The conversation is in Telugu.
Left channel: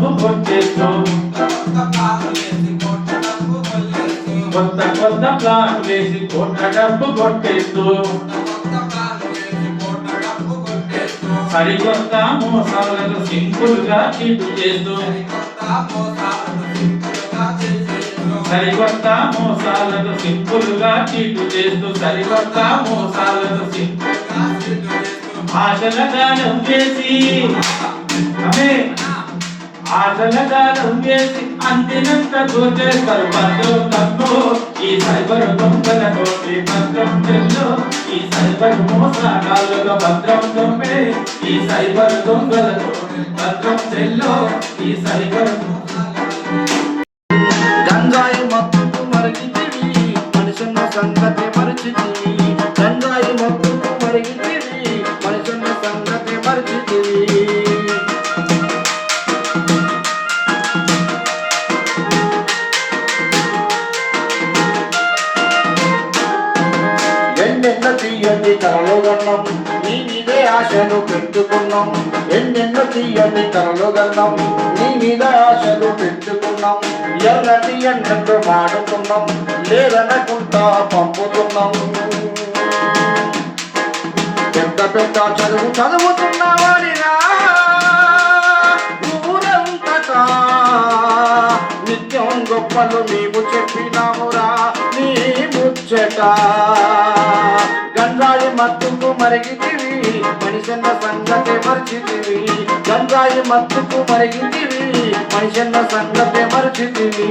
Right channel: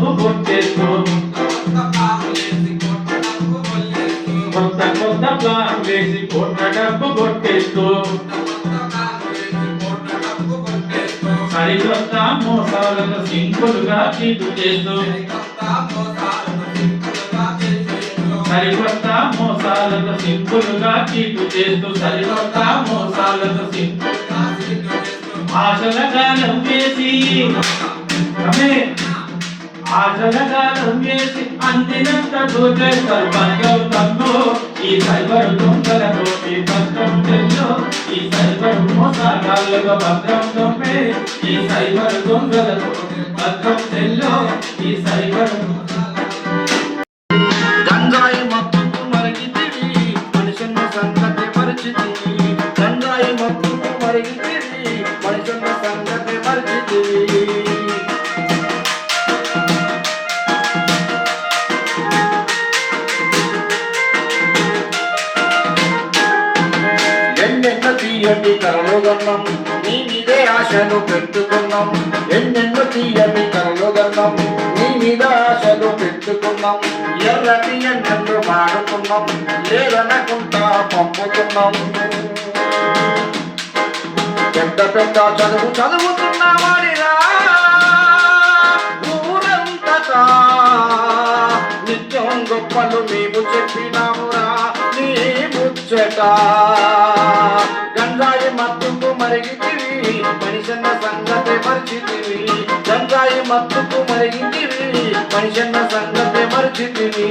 కొట్టడంకు కొట్టేస్తూ. కొత్త కొత్త ప్లాన్ వేసి కొట్టడంకు కొట్టేస్తూ. సరికొత్త మోసాలను సింపుల్గా చీటు చేస్తూ. సరికొత్త మోసాలను సింపుల్గా చీటు చేస్తూ. సరికొత్త మోసాలను సింపుల్ ఆశల గానం చేసి. అమే జగదానం వేసి అందినంత దోచేస్తారు భద్రం తమ్ము ఈ సైబర్ దొంగలతో ఈ భద్రం తెల్లో ఈ సైబర్ మోసగాళ్ళగా భద్రం దొంపే. ఈ సైబర్ దొంగలతో భద్రం తెల్లో ఈ సైబర్ ఎన్నెన్న తీయండి కరలో నీ మీదే ఆశలు పెట్టుకున్నాం. ఎన్నెన్నో తీయండి కరలో గన్నం నీ మీద ఆశలు పెట్టుకున్నాం. ఎల్లటి ఎన్నెందు వాడుకున్నాం లేదనకుండా పంపుతున్నాం. పెద్ద పెద్ద చదువు చదువుతున్నావాడిరా. ఊరంతటా నిత్యం గొప్పలు నీవు చెప్పినామురా నీ ముచ్చట ಕರಗಿದ್ದೀವಿ ಮನುಷ್ಯನ ಸಂಗತೆ ಮರೆತಿದ್ದೀವಿ ಗಂಗಾಯಿ ಮತ್ತು ಮರಗಿದ್ದೀವಿ ಮನುಷ್ಯನ ಸಂಗತೆ ಮರೆತಿದ್ದೀವಿ